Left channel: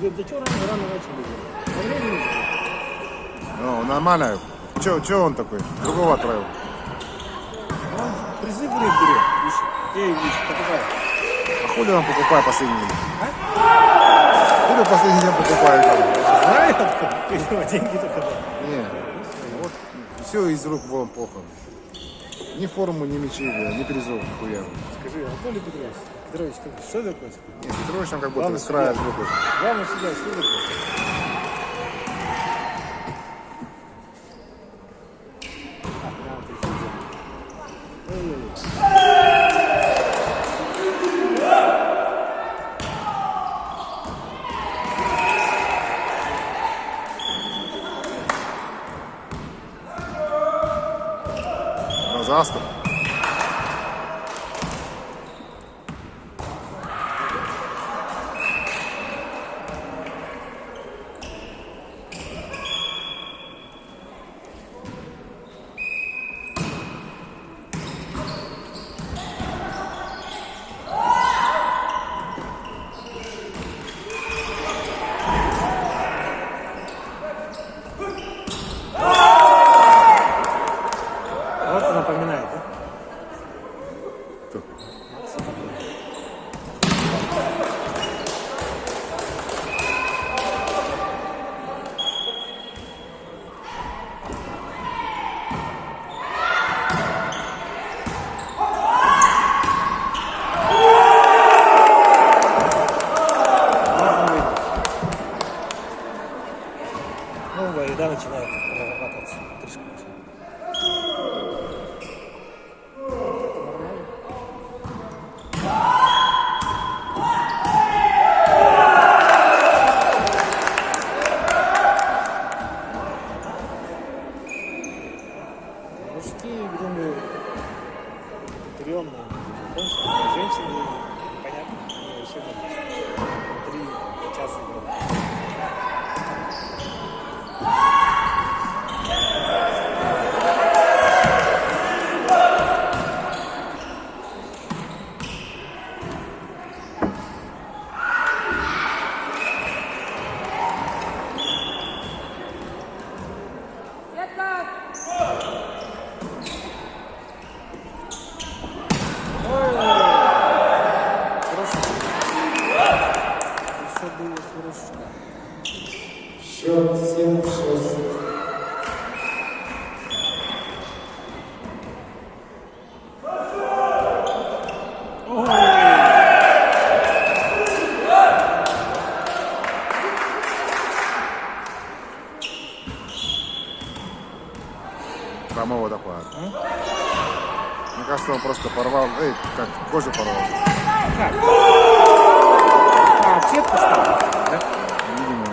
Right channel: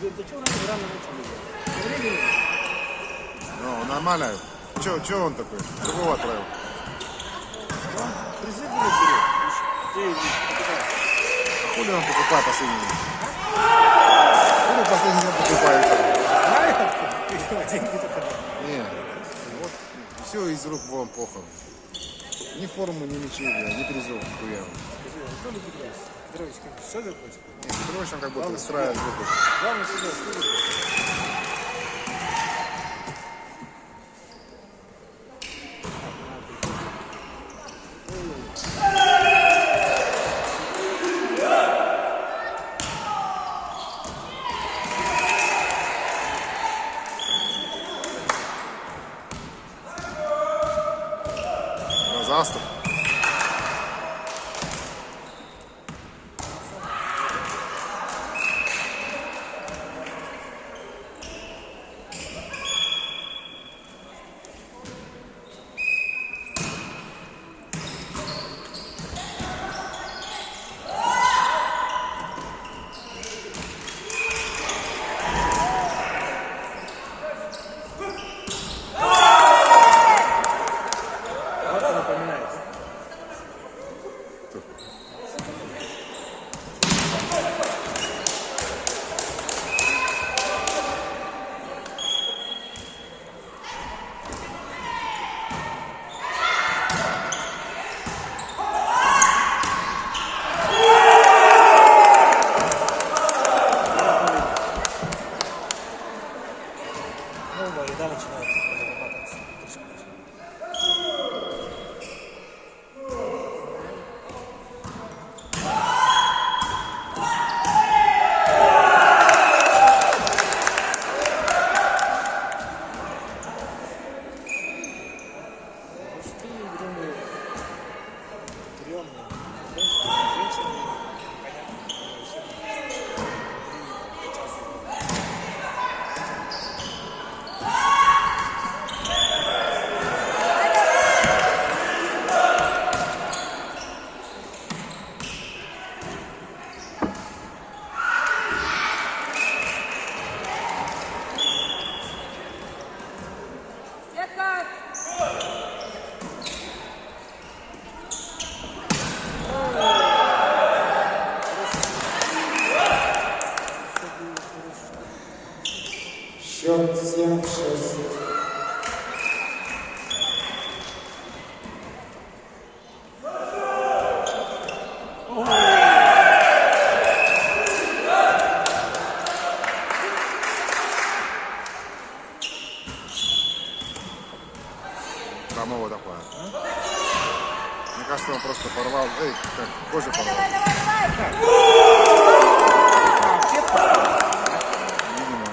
До чего рано начали? Ну, нормально. Че он такой? Другого отправил. Призыв берет. Ты покупаешь. А хули он покупает последний день? Хули последний день покупает? Знаю, откуда. Деньги только. Не, вот все из рук вон плохо. Ни форму, ни мячей, ни призов, нихуя. Скажи, Анатолий Петрович, что такое? Не, Петрович там как будто устраивает звук. Главное сюда, что такое? На заступ. Вот напоминает, да? Новая еда начинает прорабатываться. Мужские, думаю, стрёмные. Женщины, понятно, они особенно внутри часа. Счет 7-6. Самого такое. Мне кажется, он просто порвал, как кожу порвал. Сетку ставят. Видимо.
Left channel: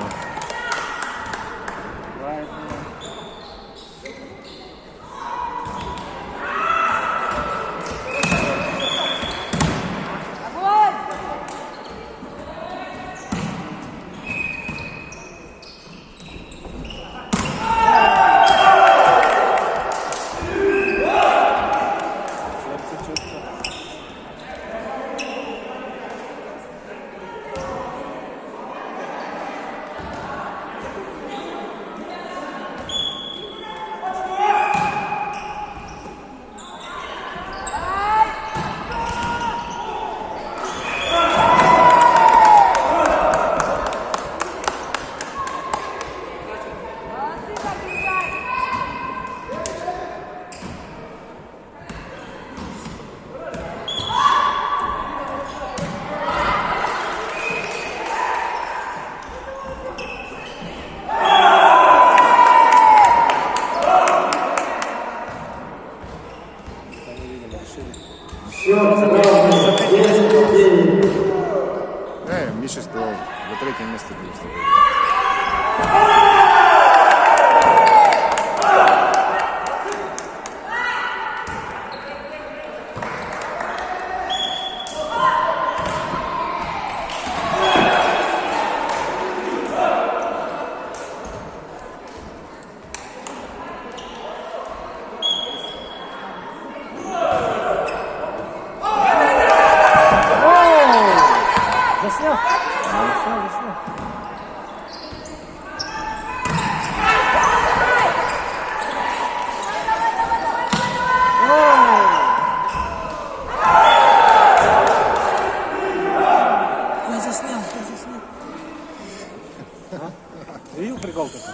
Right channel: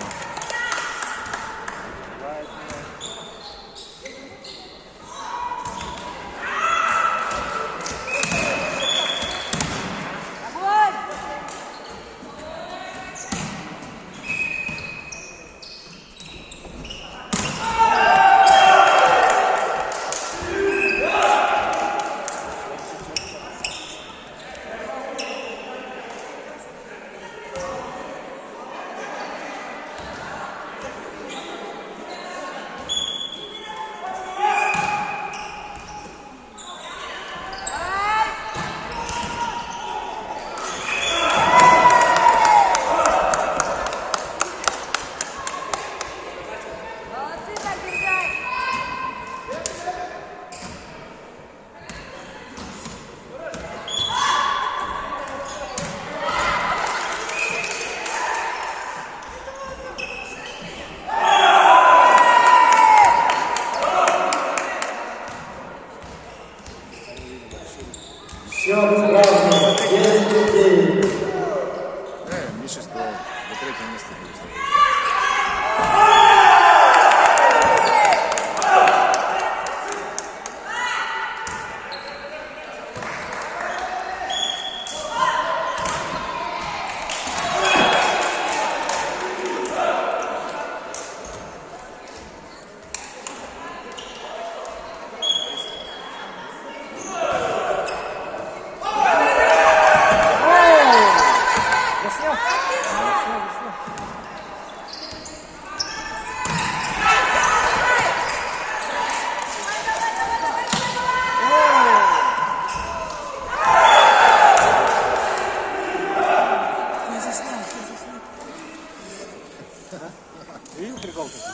Счет равный 10-9. Миша сказал, до третьего места будет. Заснял? Заснял. Видел прикол такой?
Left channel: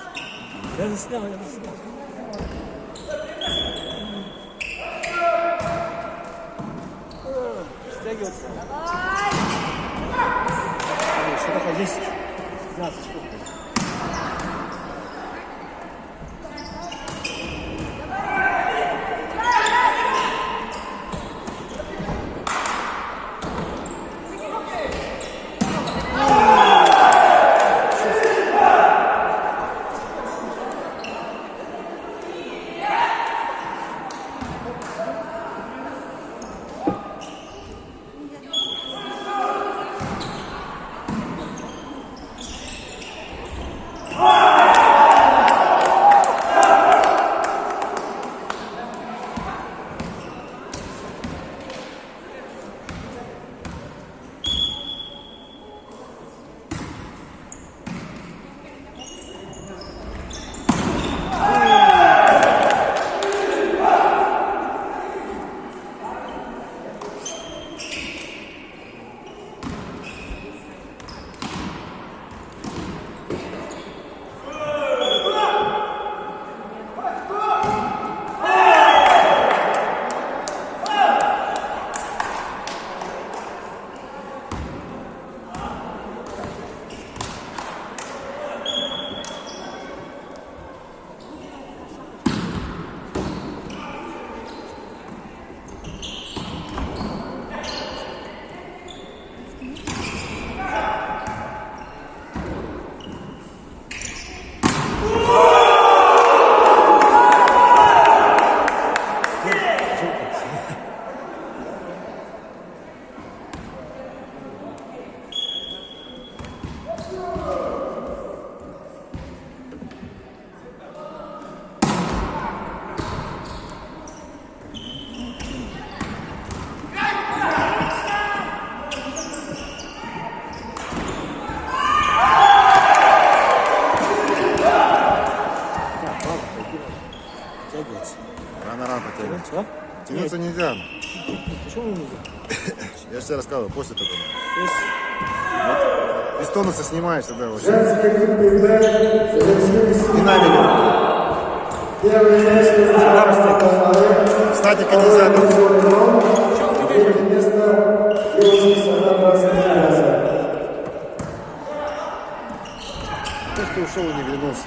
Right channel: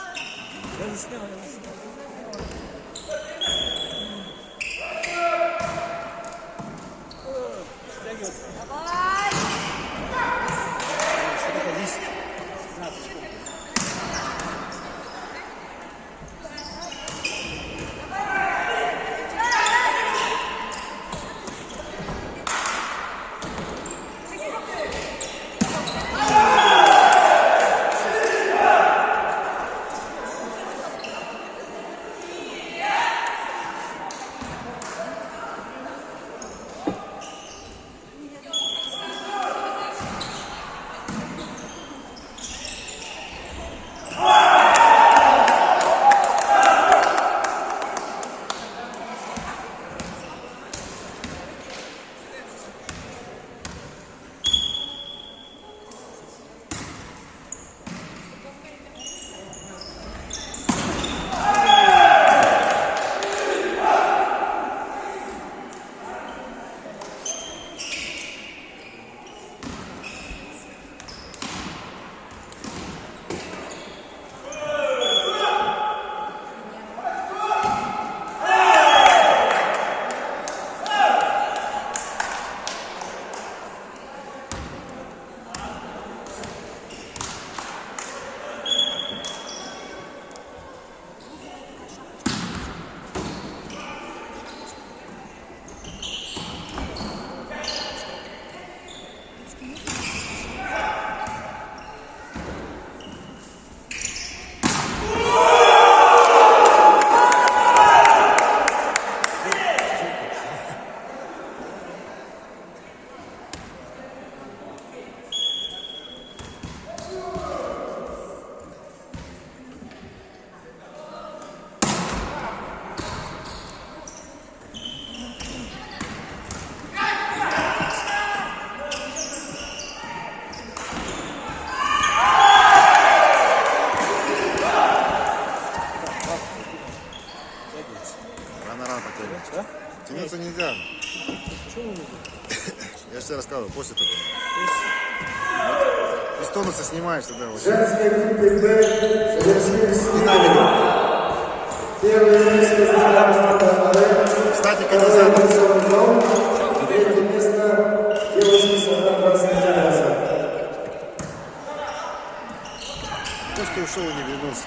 Я заснял, я заснял. О, стягивается. Давай! Что такое 10? 15 секунд. Тягивается. Рано потягивается. Да? Тянуться нельзя. Почему не нужно? Я тебе рассказывал, после такого. То есть, Из тонуса снимаешь тогда вот. Женской группе Б завершились Динамика. первое место заняла Кстати, катализатор. третье место девушки Сахара Сахара. То, что ушел и не вернулся.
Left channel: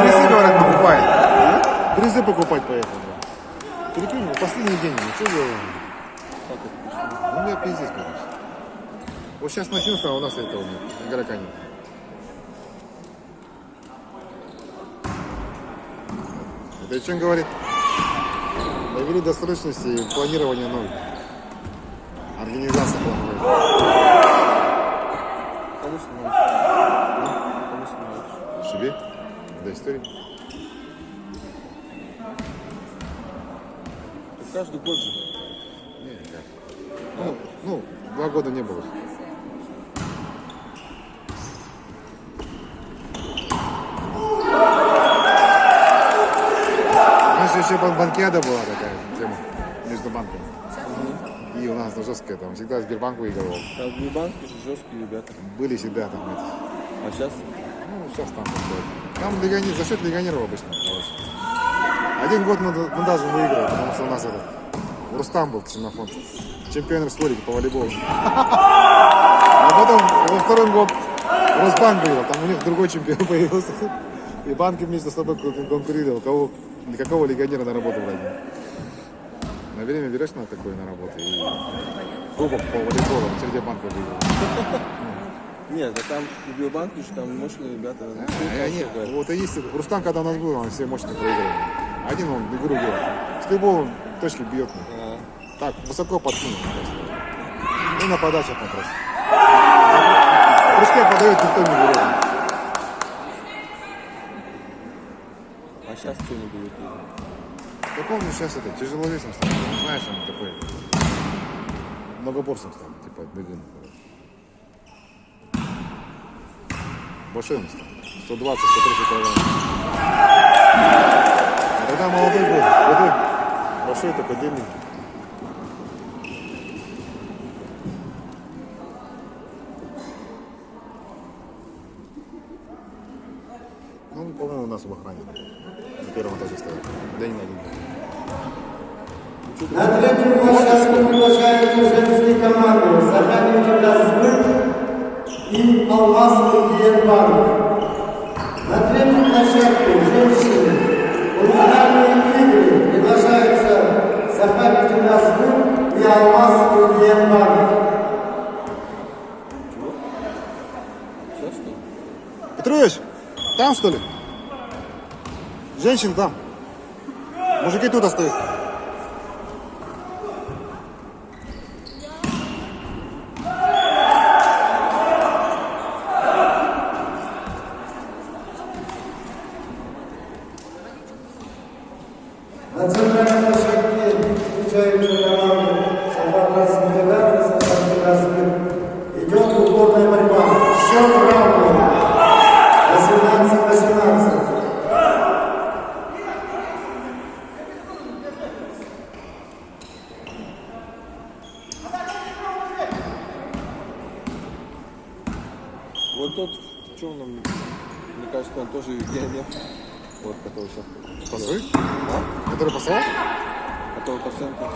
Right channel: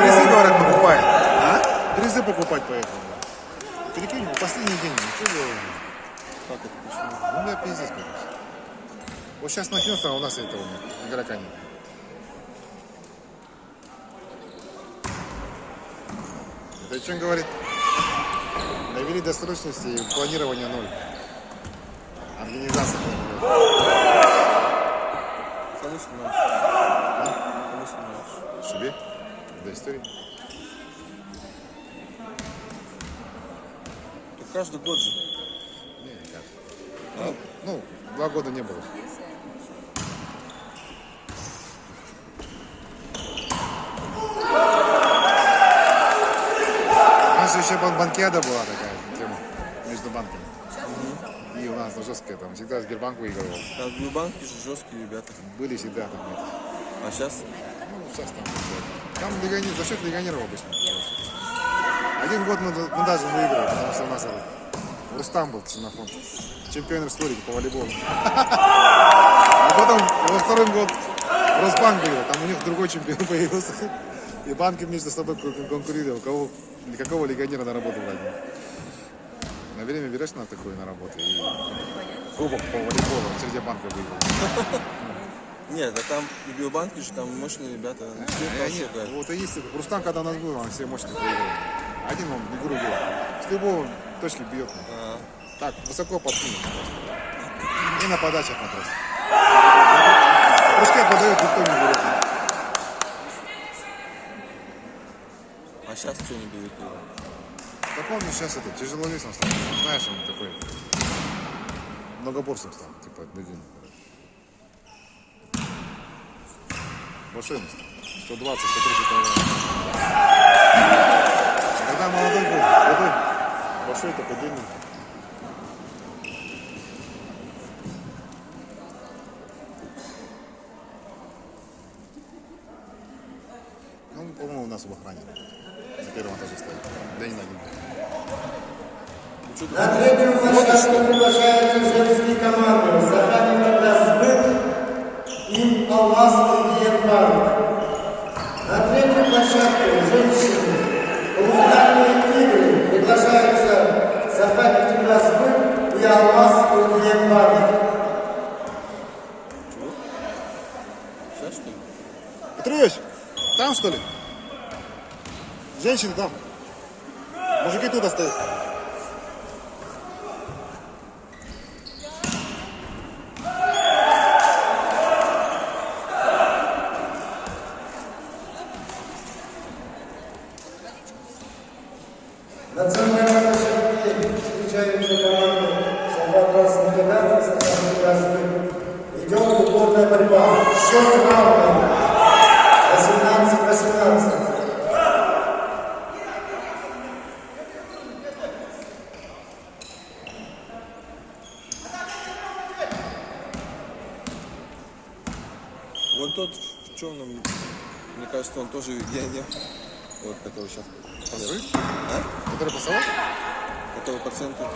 Призы, говорят, покупает. Призы покупать поехал. Прикинь, ну, последний день. Ну, что делаем? Ну, я пиздец, конечно. Вот сейчас начнется, а у нас этого нет. Игрока нет. Это о чем говорит? Довели до срочности планирования ноль. Организация плановая. кому становишься? Кому становишься? Себе? Для истории? Каждый год же. Не, не кажется. Ну, 2 года не было. Раньше еще банкиада была такая тема между банками. И у нас жесткая там, всегда Сбербанк выигрывал. А в Сбербанке же жесткие ребята. Были всегда там эти. А сейчас? Ну, сейчас там вот. Там за счет легионеров обычно. Короче. Один год мы даже выиграли, потому что у нас этот Рустам был ксенофон. Чемпион республики по волейболу. А потом во второй год Росбанк выиграл, там у них другой чемпион появился. И банки между собой конкурировали, для какого легионера на работу брать. На время берешь на такое на работу и кубок по волейболу среди банка выиграл. Нет, а там в Биобанке же там мощные ребята. Вот и есть. Рустам, когда у нас был, он все мощно проигрывал. Один он игру делал. С любого точки бьет. Так, высоко подкинул просто. И на подачах он просто. В прыжке подает, никто не берет. А сейчас что не будет? Так он сейчас это тяжеловесом стал. Он, знаешь, он такой многоборцем стал, типа бегун. Большой он стал. 120-130 килограмм. Когда молодой был, худой, большой такой длинный. По-моему, у нас в охране. На первом этаже стоят. Да не на один. На третьем площадке приглашаются женские команды «Сахарин Газбык» и «Алмаз Индиенбанк». На третьей площадке женщины музыкальные игры приглашаются «Сахарин Газбык» и «Алмаз Индиенбанк». Сейчас что ли? Петрович, там что ли? Женщин там. Мужики тут остаются. На центральной площадке встречаются команды «Шаббат Интеграции» и «Сахарин Газбык». Идет упорная борьба. Счет равный. 18-18. Вот тот в черном, мне кажется, он тоже гений. Вот, который сейчас. Пасы? А? Который пасовал? Который по центру.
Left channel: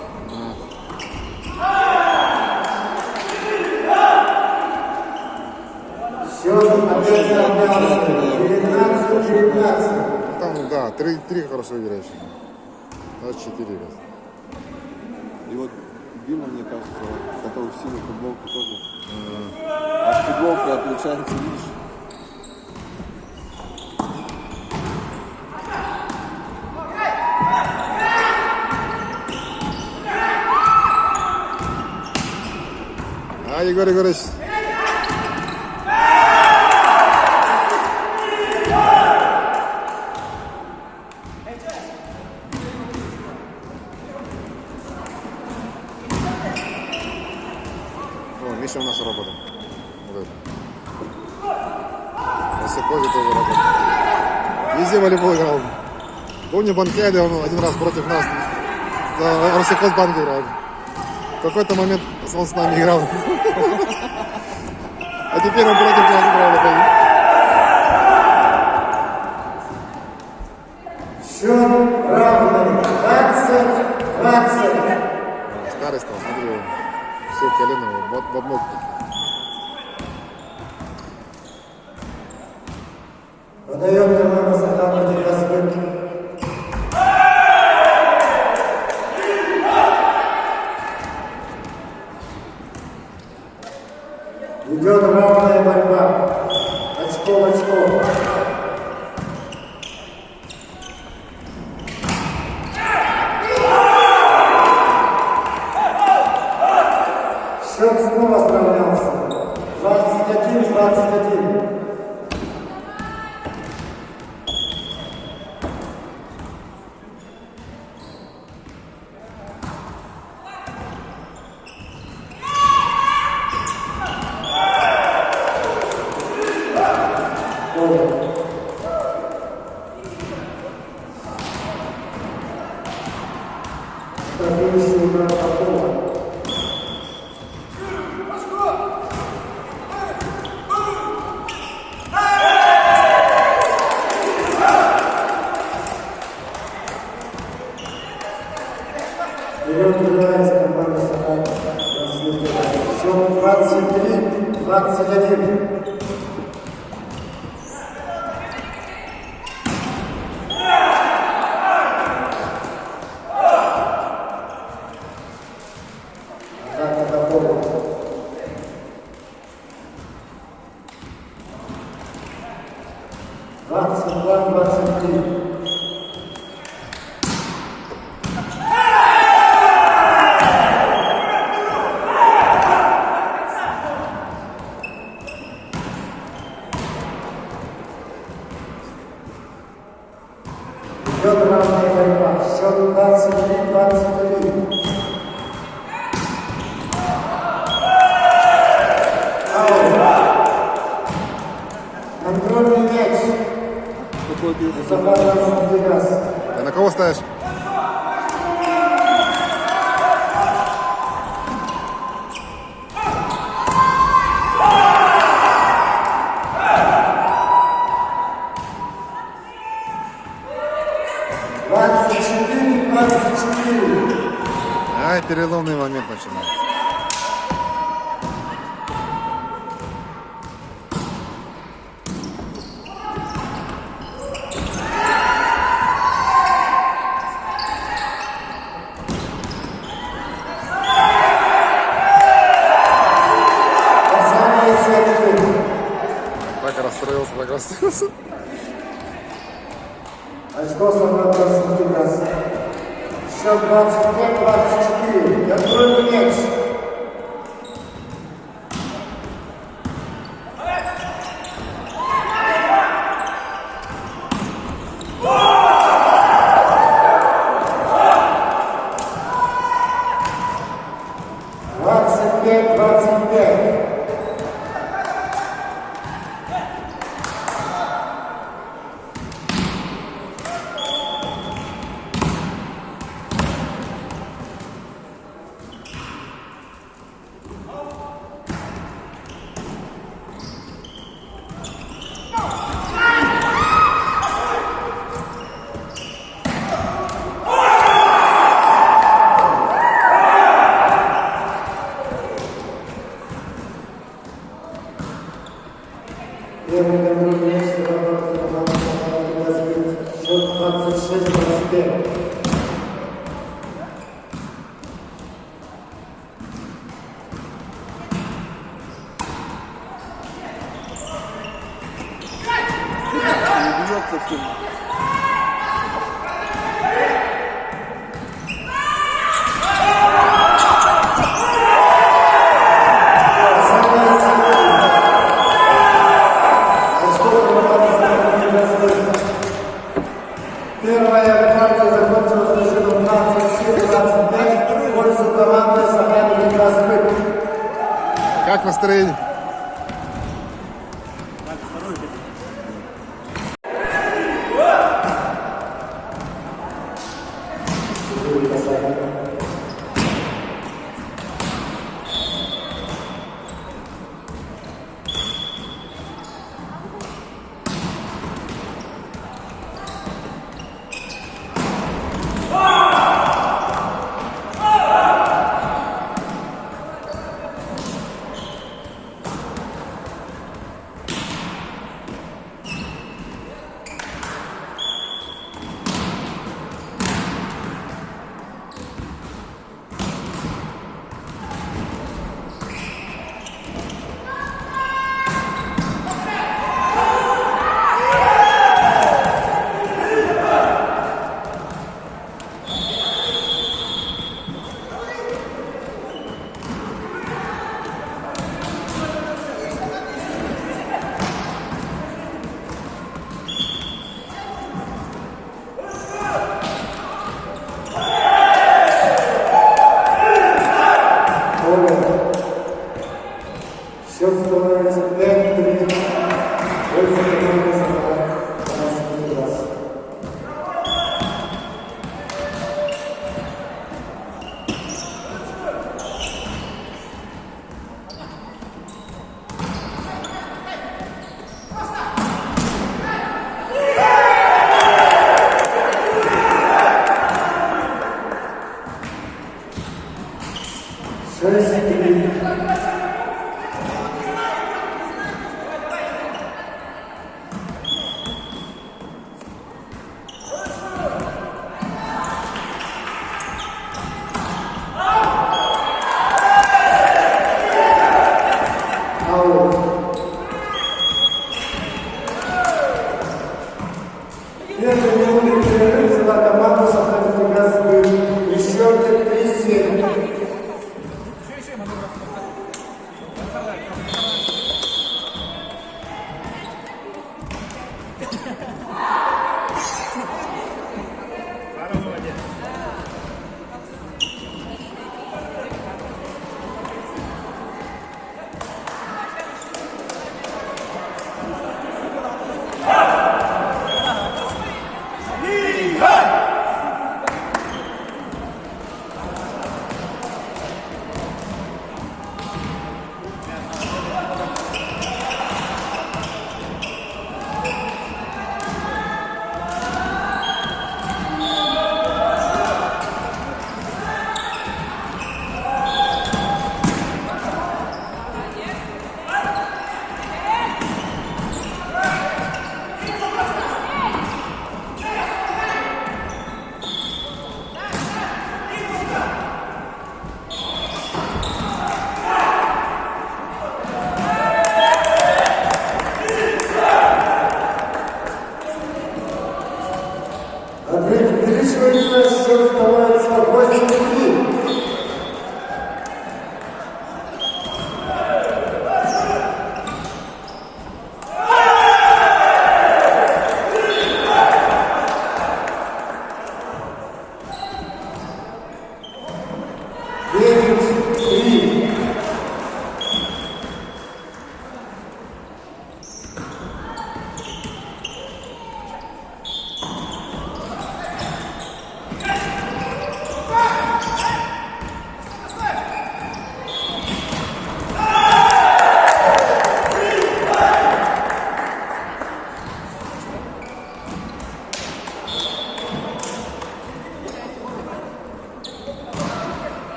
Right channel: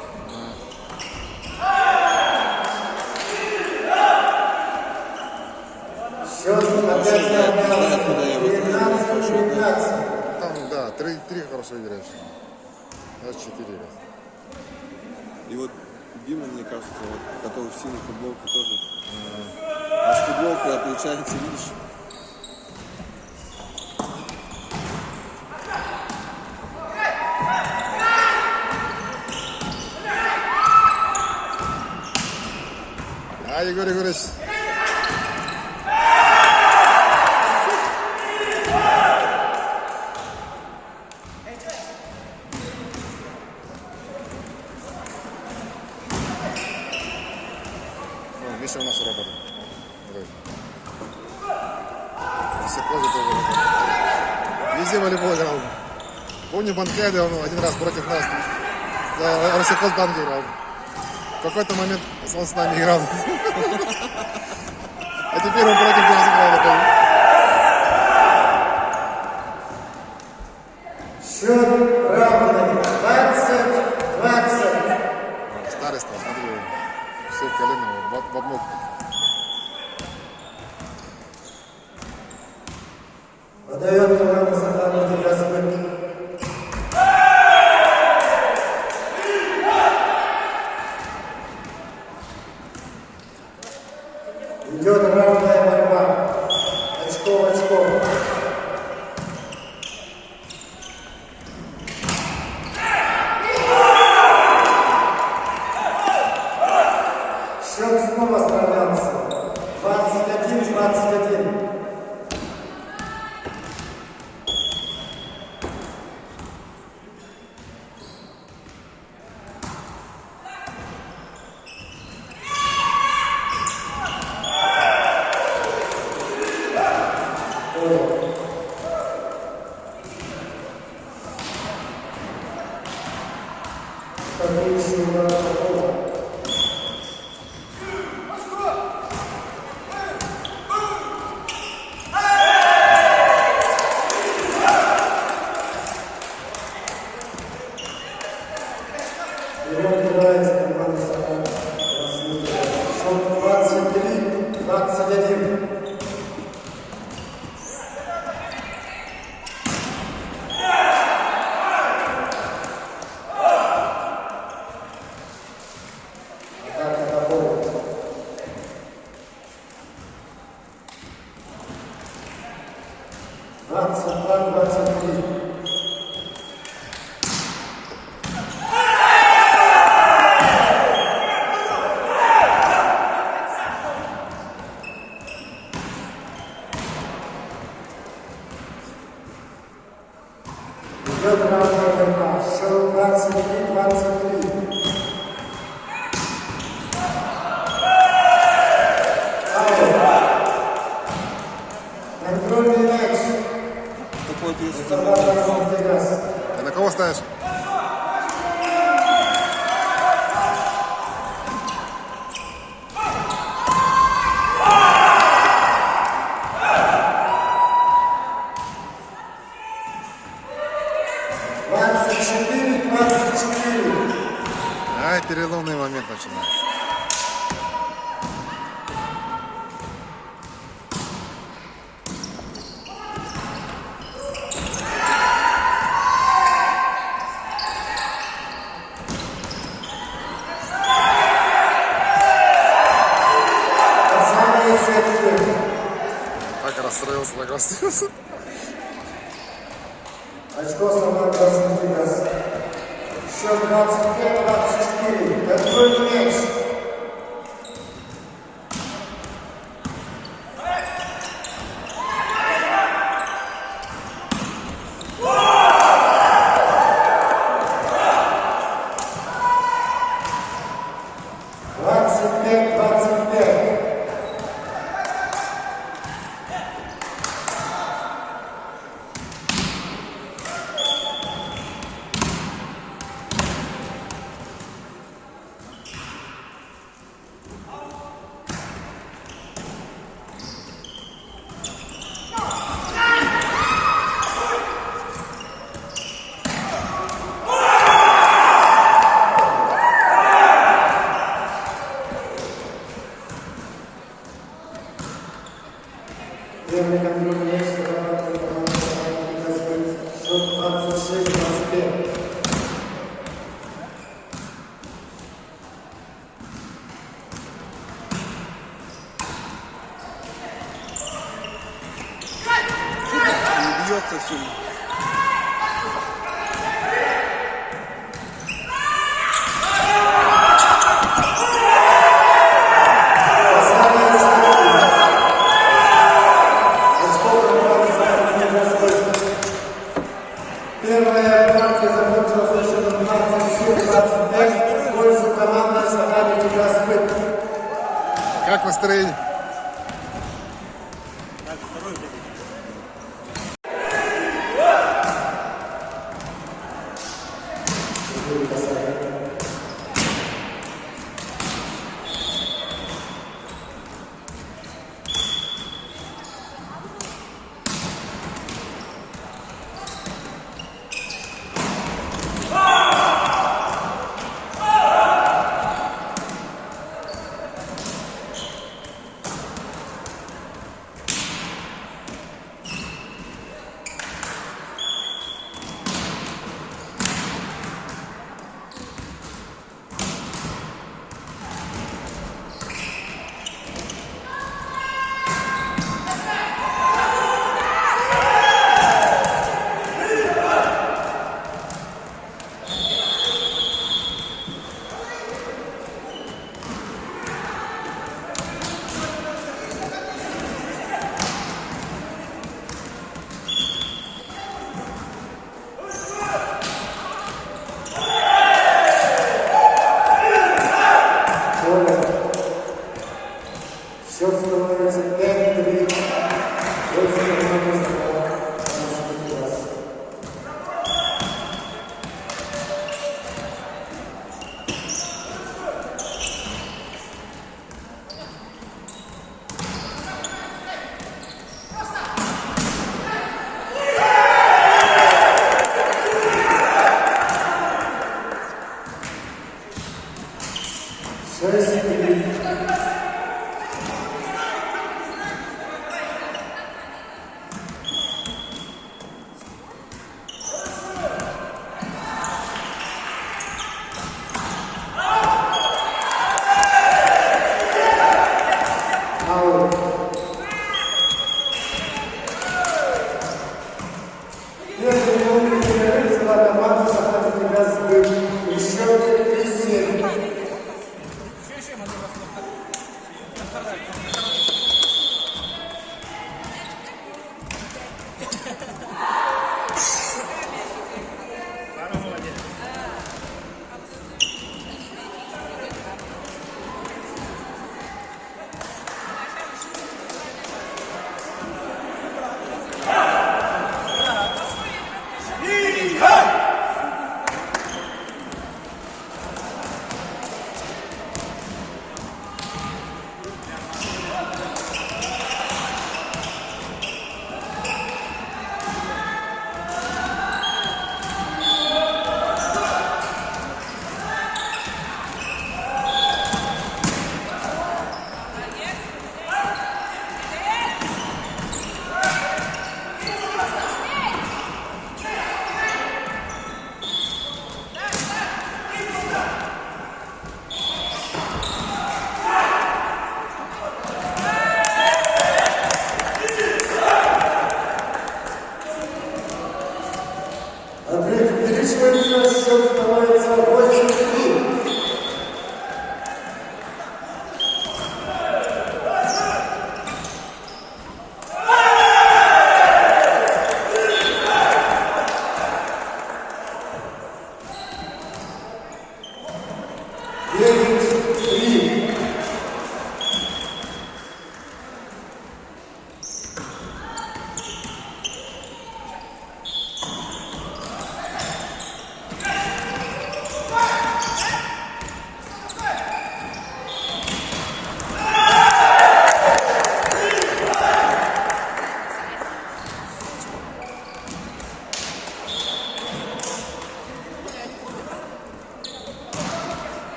Счет опять равный. 19-19. Там, да, три хорошо играют. Даже 4 играют. И вот Дима, мне кажется, вот, который в синей футболке тоже. Аж футболка отличается, видишь? А, Егор Егорович. О, Миша у нас работает. Вот. Васякове тоже работает. Везде волейбол играл. Помню, в Банкеде он один раз против нас за Росехозбанк играл. В какой-то момент он с нами играл. А теперь он против нас играет опять. Счет равный. 20-20. Старый стал, смотри, все колено в обмотку. Подает команда «Сахарин Газбык». Идет равная борьба. Очко в очко. Счет снова сравнялся. 21-21. Вперед выбирается команда «Сахарин». Счет 23-21. Атака доходит. Двадцать 23. Идет равная борьба. Счет 23-23. Контрольный мяч. Какой-то из Сахарин Интеграции. Ты на кого ставишь? переломный момент начинает. Самые светлые. Так расстроился, так расстроился. Очко Самара Краснодар. Счет 25-24. Контрольный мяч. Двадцать пять. Первый контрольный мяч зарабатывает команда «Газгольд». Счет 26-25. Не бьется сильно. Самые светлые. Очко зарабатывает «Газгольд». Первая партия закончилась со счетом 27-25 в пользу команды «Сафари Газгольд». Как настроение? Счет становится 5-3. Пользу команды «Сафари Газгольд».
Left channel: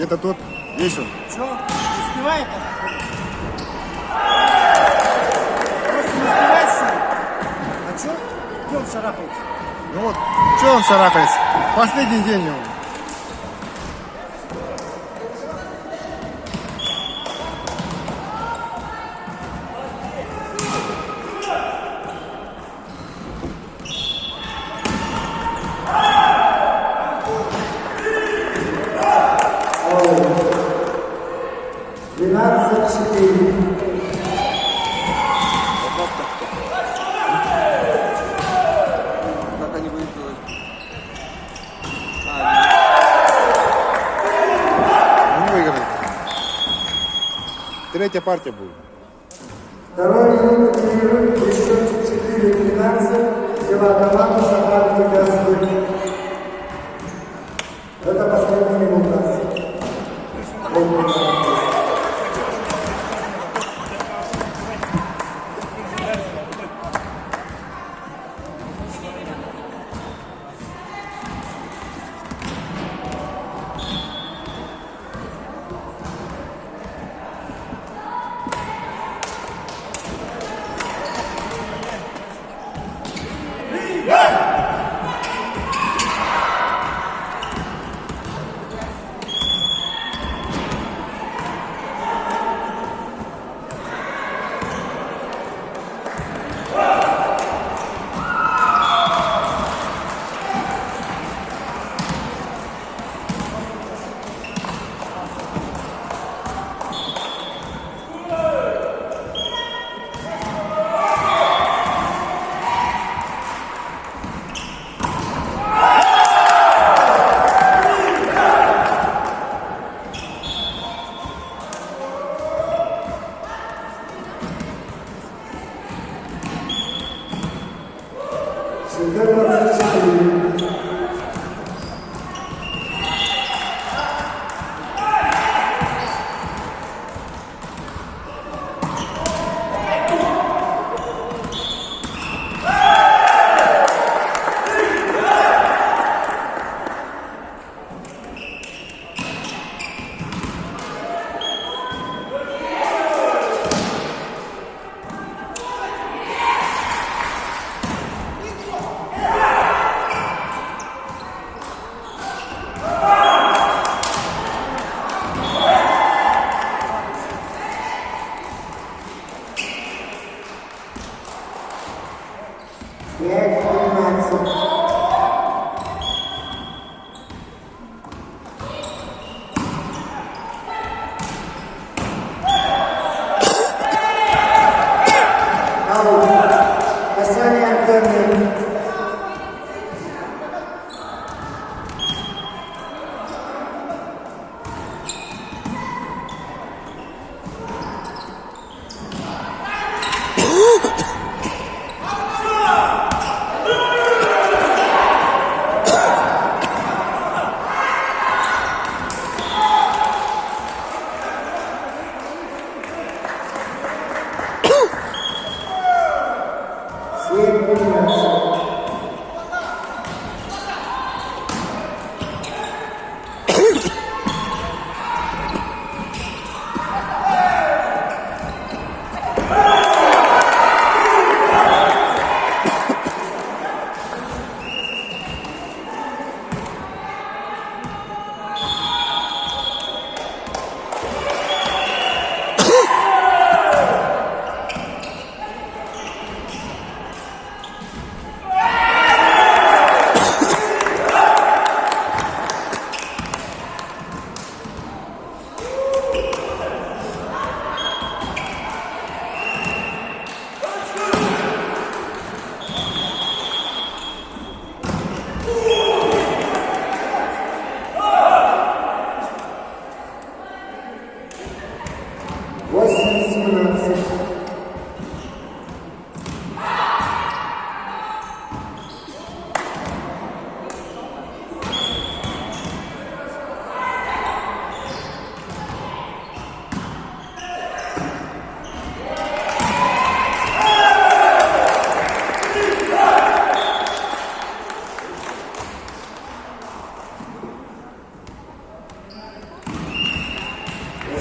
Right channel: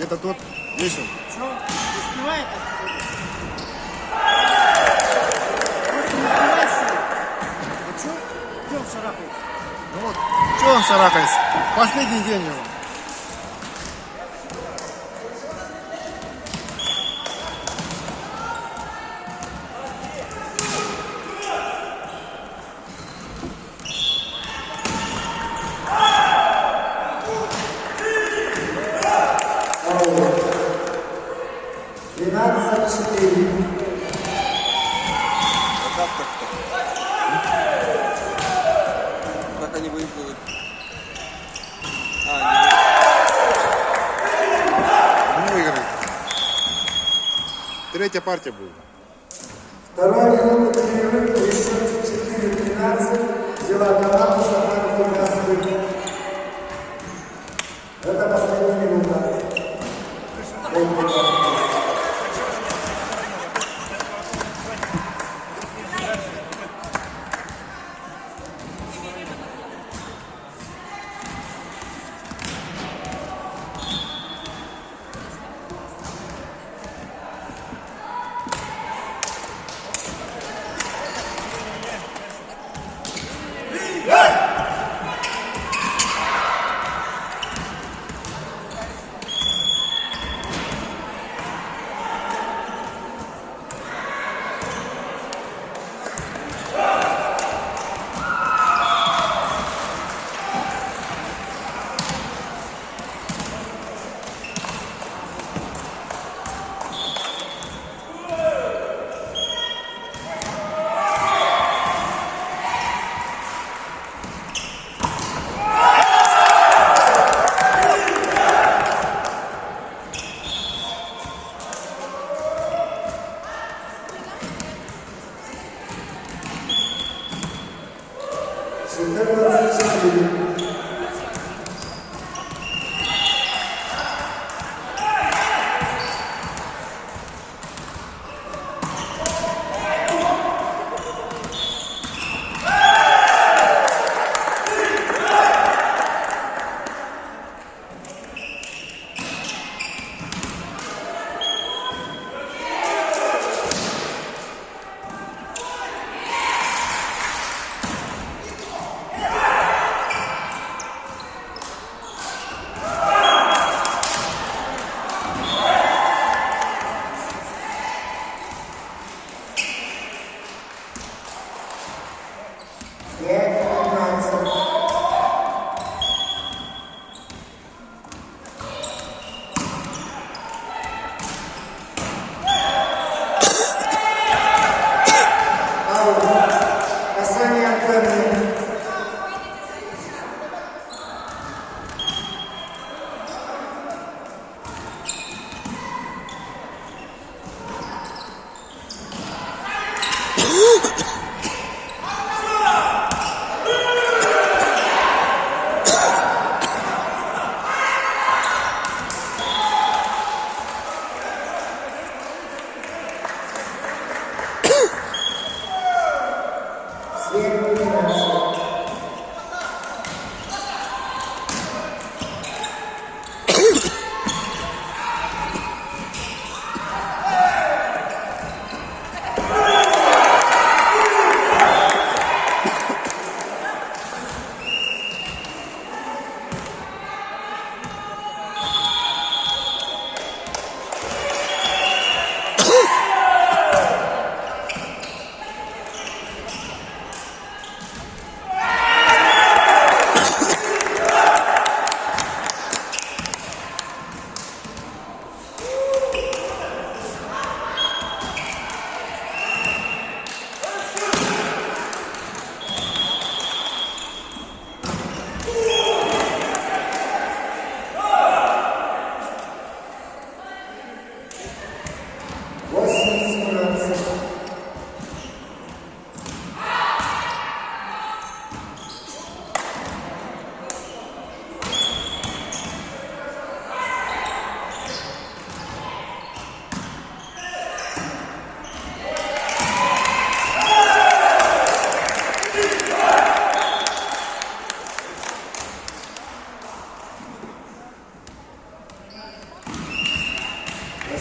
Где-то тут есть он. Что? Успевает? Просто не успевает, что ли? А что? Где он шарахается? Ну вот, что он шарахается? Последний день его. Как они выиграли? Не выиграли. Третья партия будет. Второй минут перерыв, еще 4-13, взяла команда Сахаров и Газбык. Это последняя минута.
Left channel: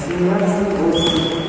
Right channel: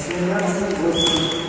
18-8.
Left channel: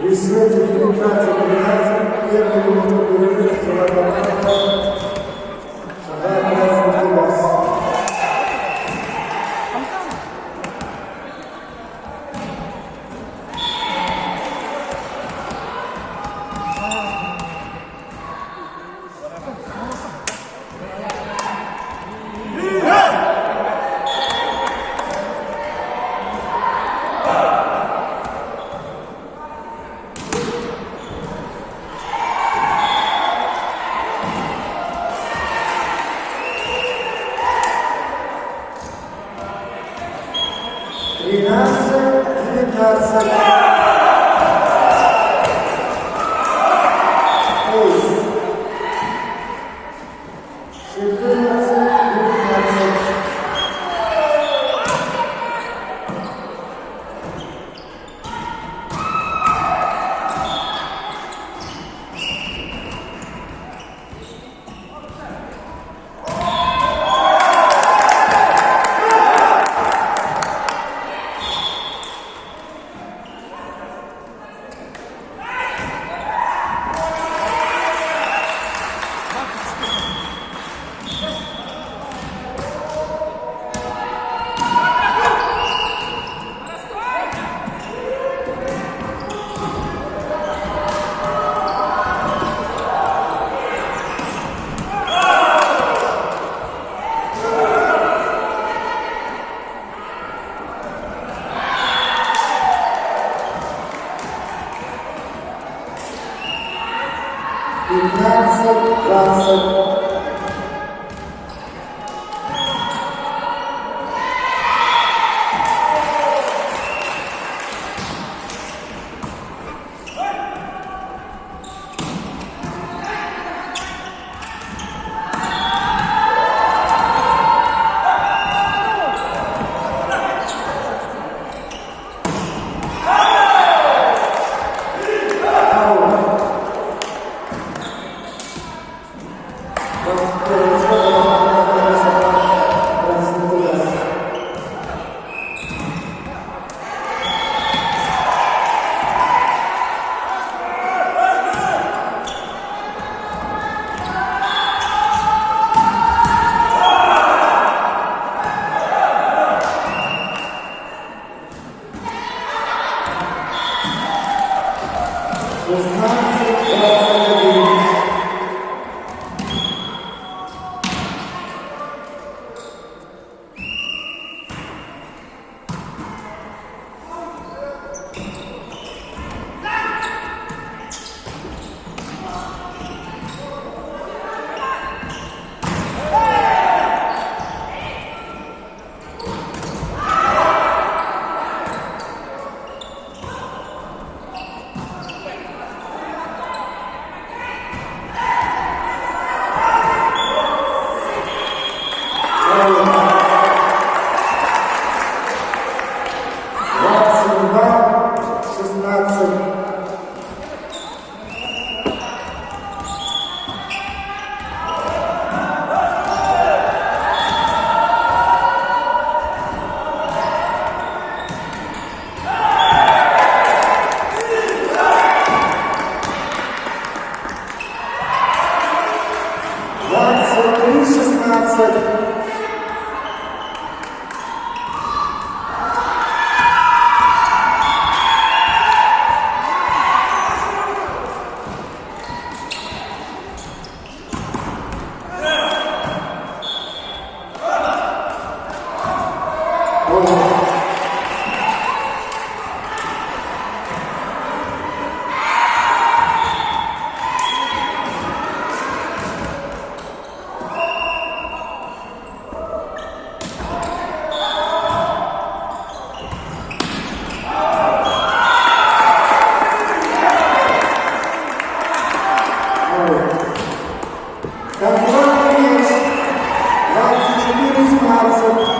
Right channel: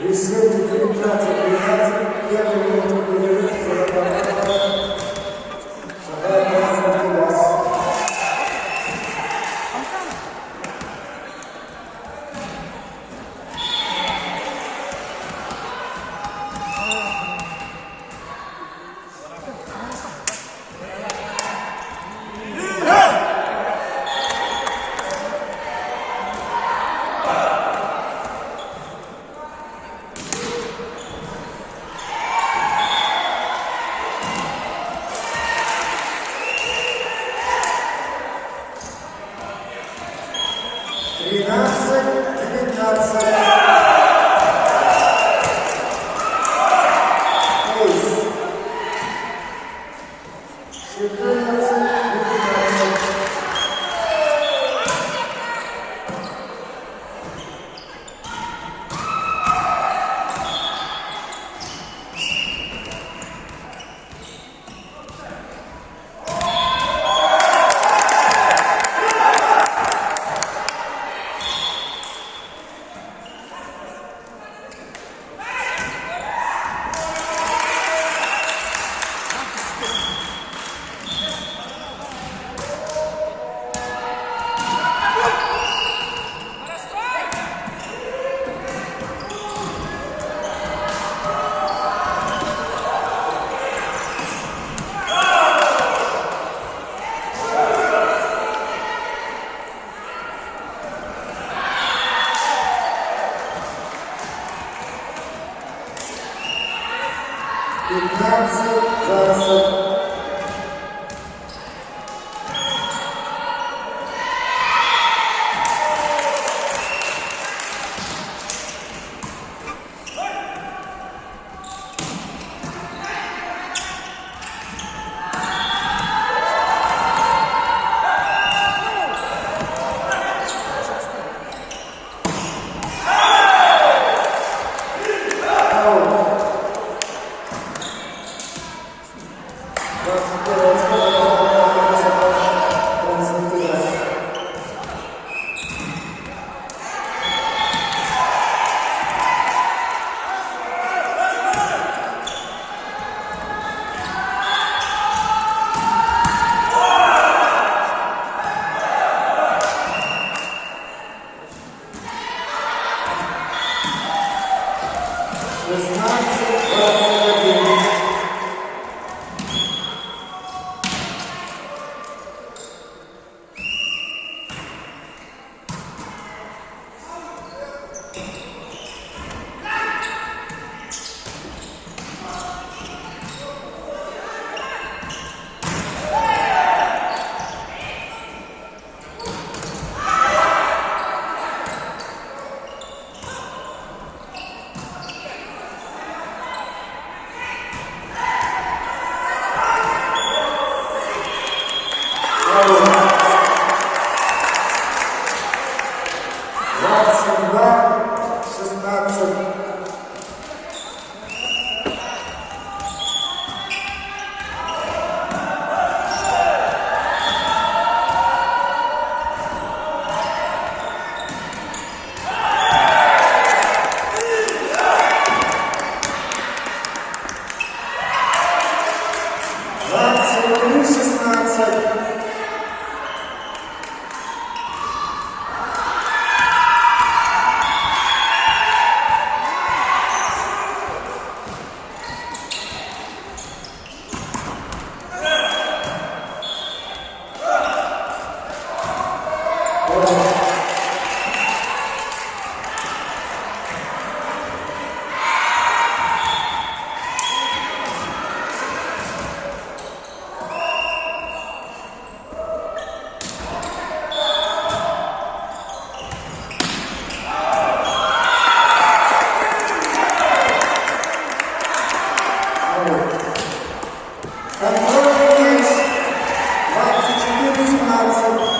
В счете 19-13 первый минуту перерыв 42 шагает красный газ. 15-20. Контрольный мяч 24-17.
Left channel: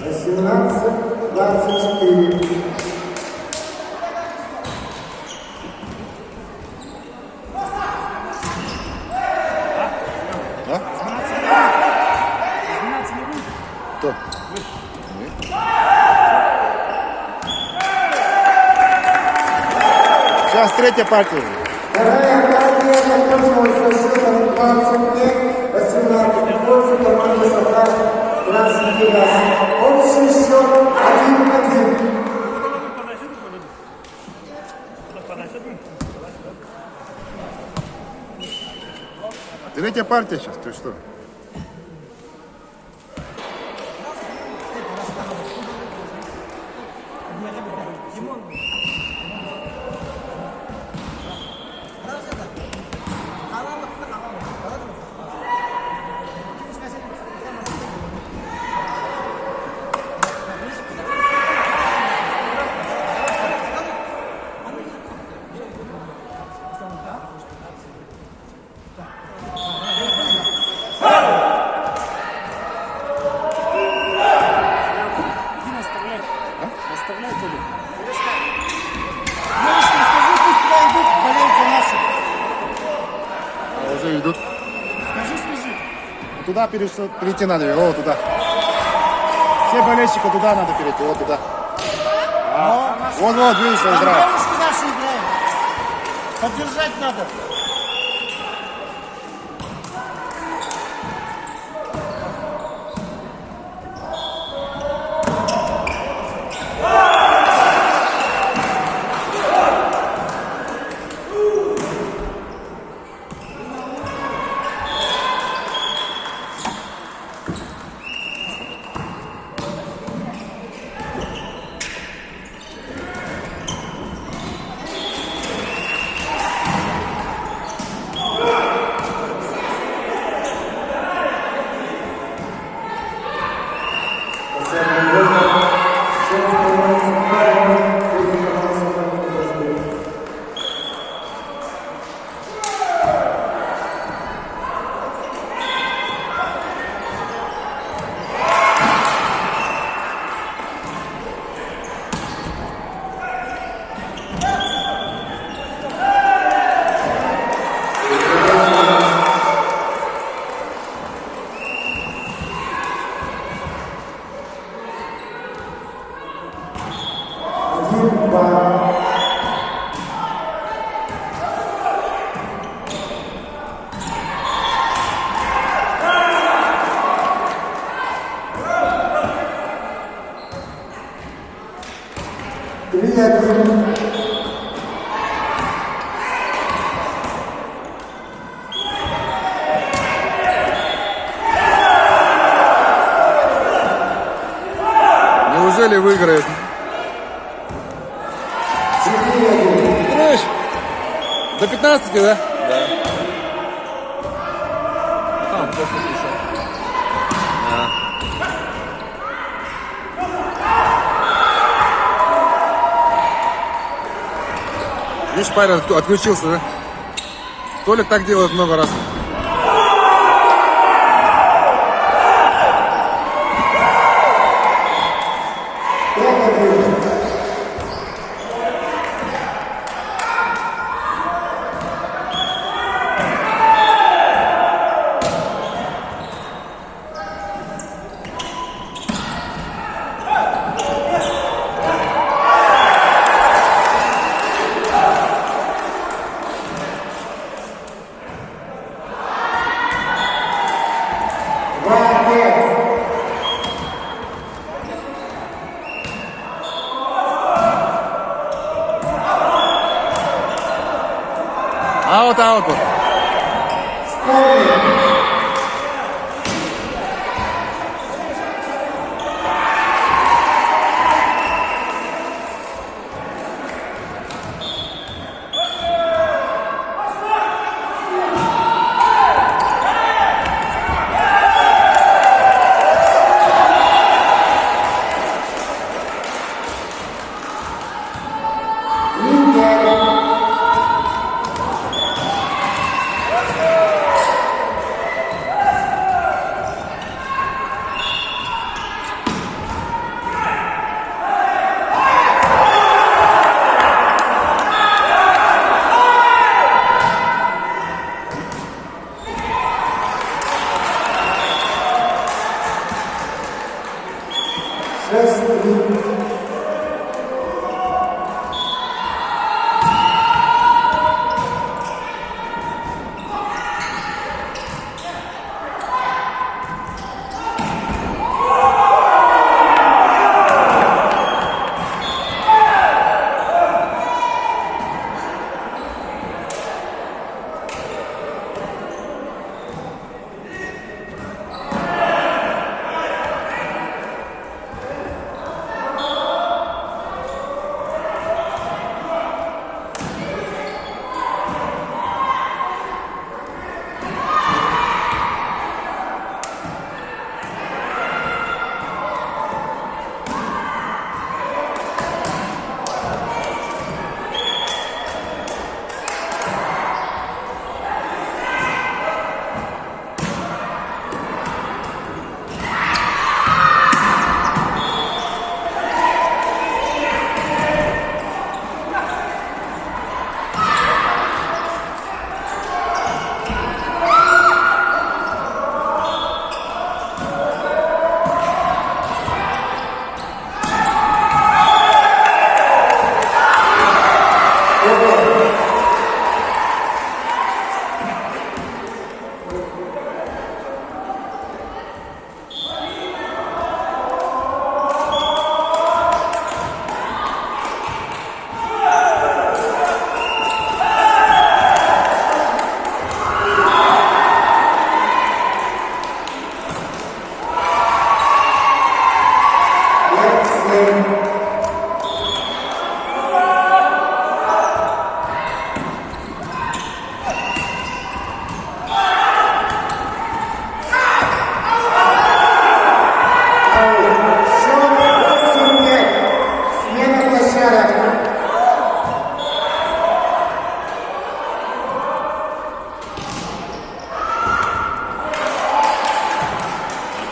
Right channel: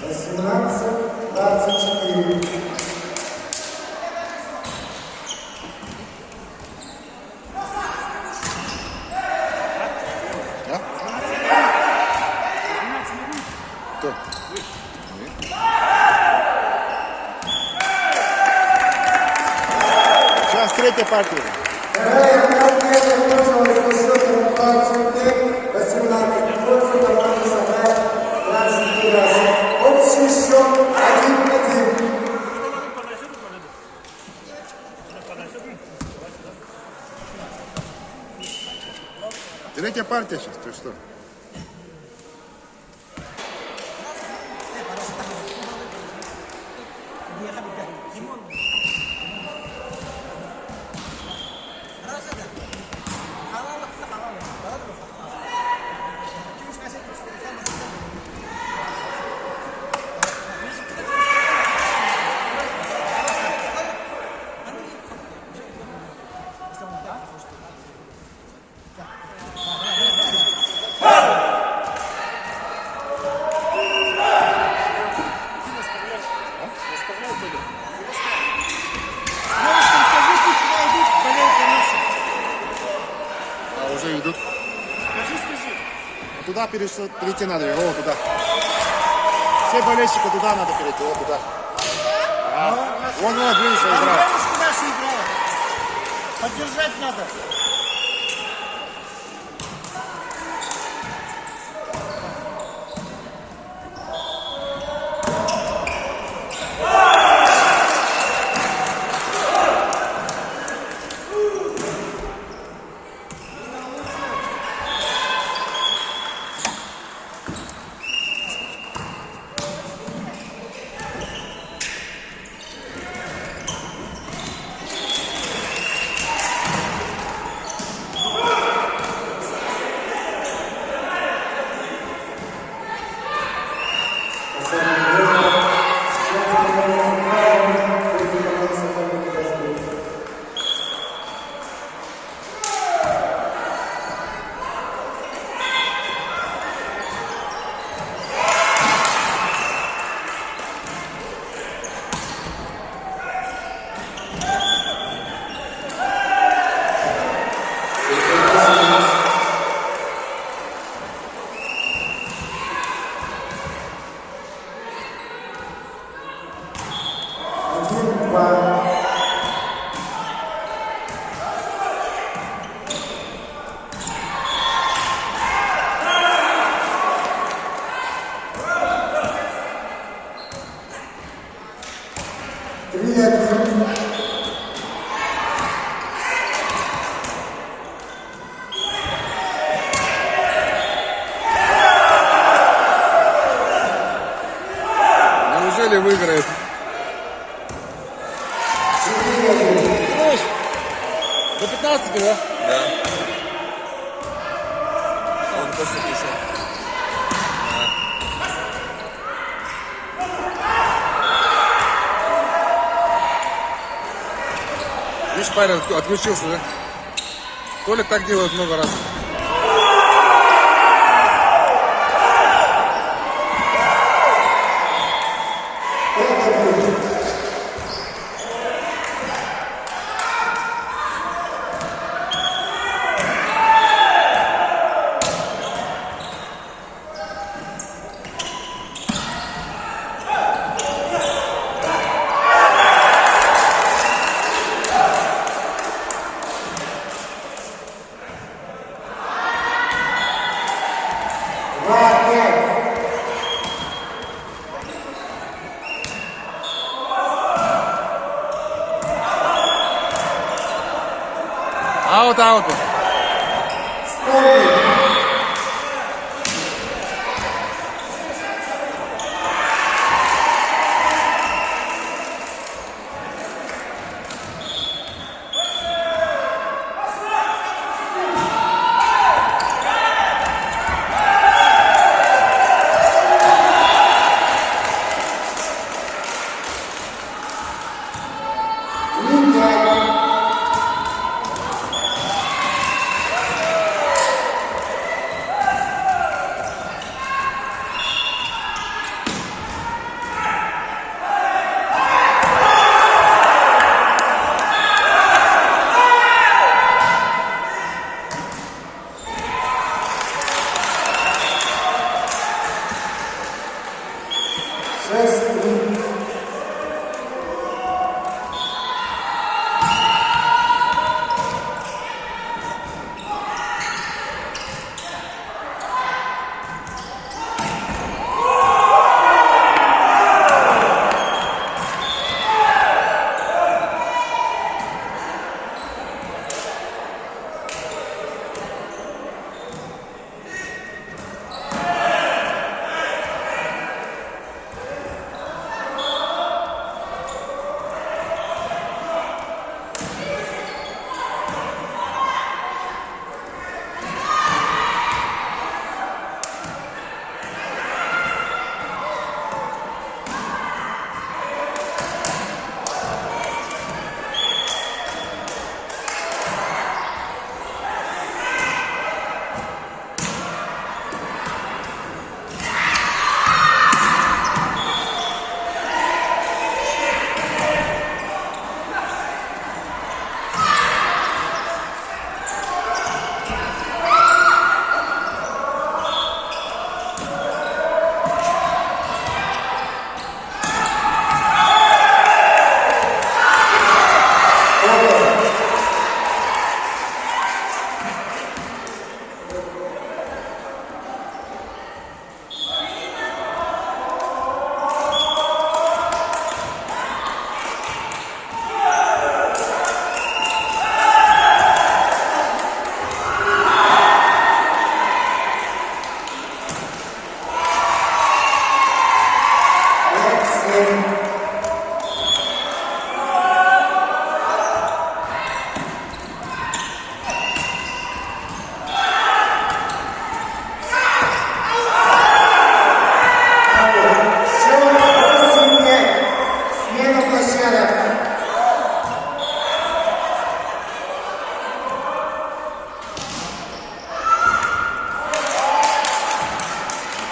Восемнадцать, 24. Кто? Сейчас третья партия. Вторая партия закончилась со счетом 25-18 в пользу команды «Сахар» Красный Газ. Общий счет 1-1. Третья партия сейчас, ты что? А уже идут. Вот туда перейти надо, о, туда. Все болельщики туда надо перейти, вот туда. Вот, видишь, он играет. Поддержать надо. Це можна, що становиться правильно, потім команда суперника розбив. Один, два. Три, один. Неужели выиграет? Четыре, один. Знаешь, до 15, да? Там просто 50. Видишь, парень отключился, да? Толик так делает много раз. Пять, один. Два, пять. Аут, аут. Ставим. Три, пять. Шесть, три.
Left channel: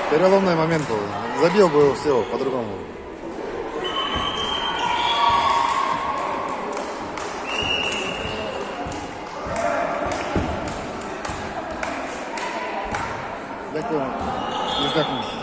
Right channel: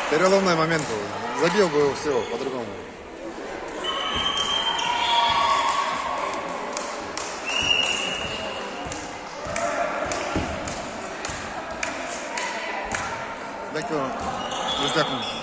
Переломный момент был. Забил бы все по-другому. Дякую. Не здякую.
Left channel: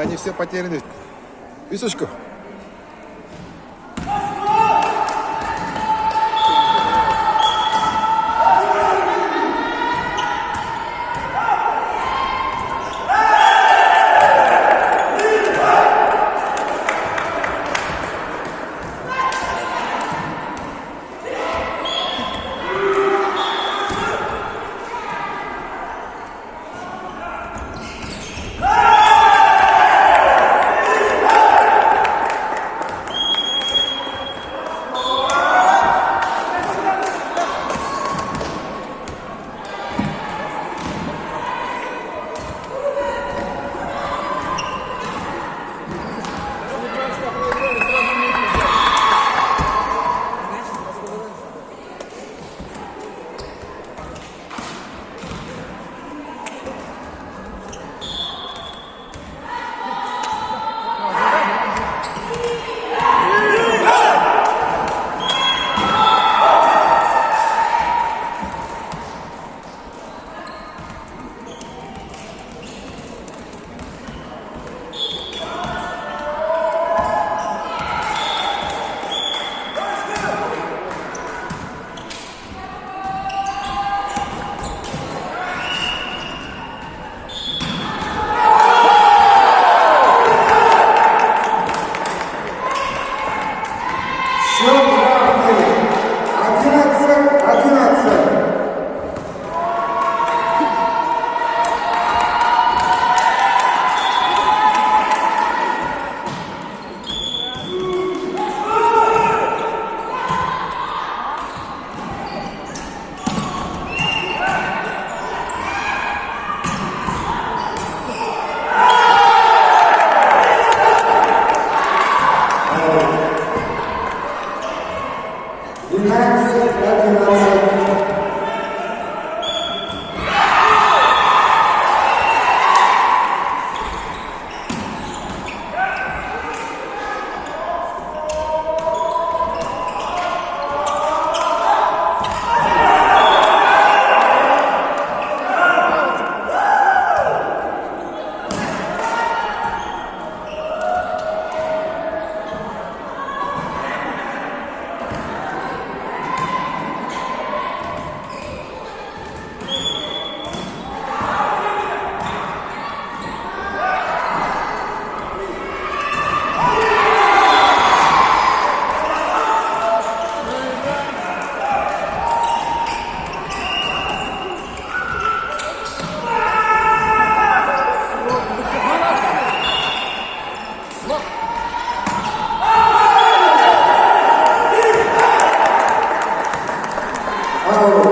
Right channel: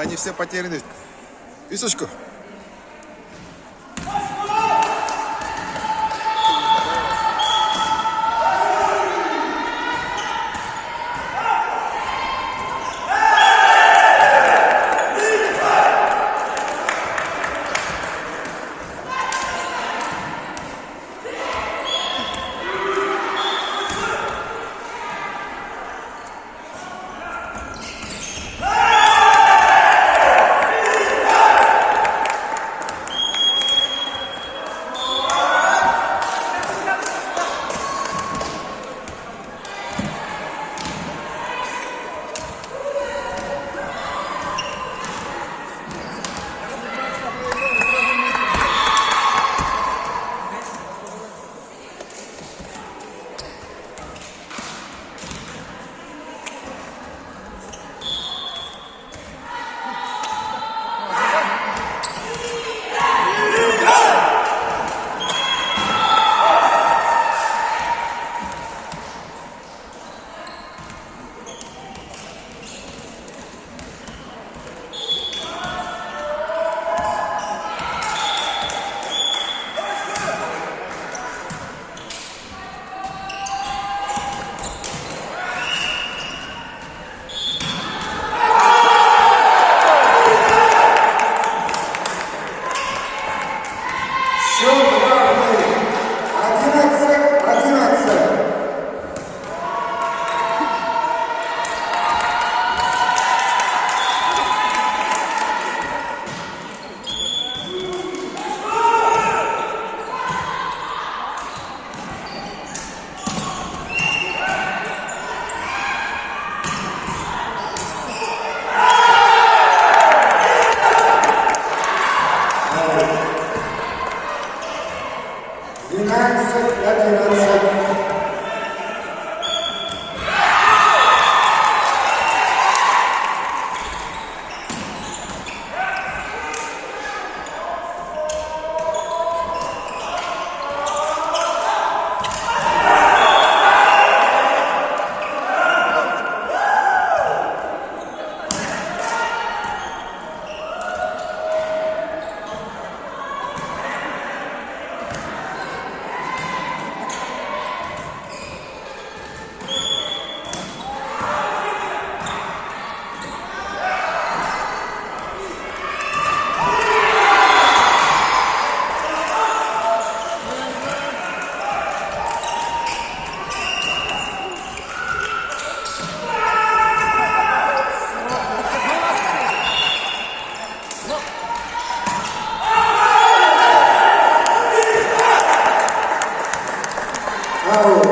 Они все потеряны. Писочку. Счет равный. 11-11. Аут.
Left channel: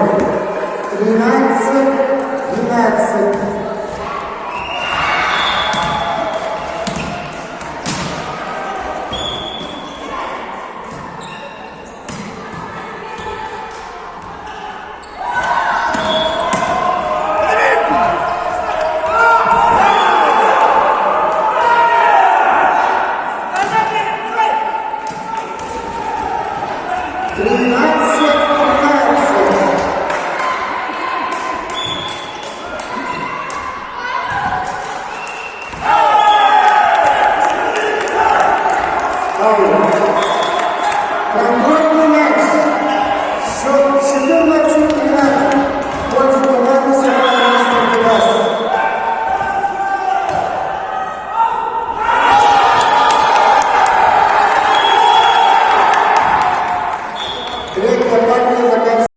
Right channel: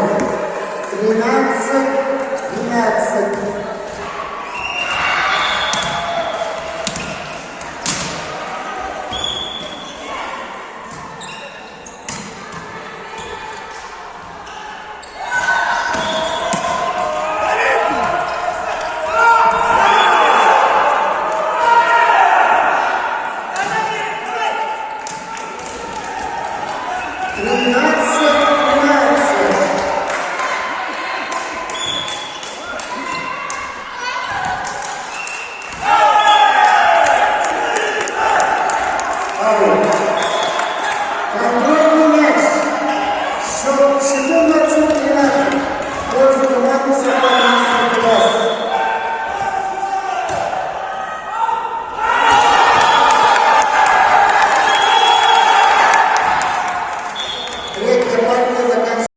13-12. Аут.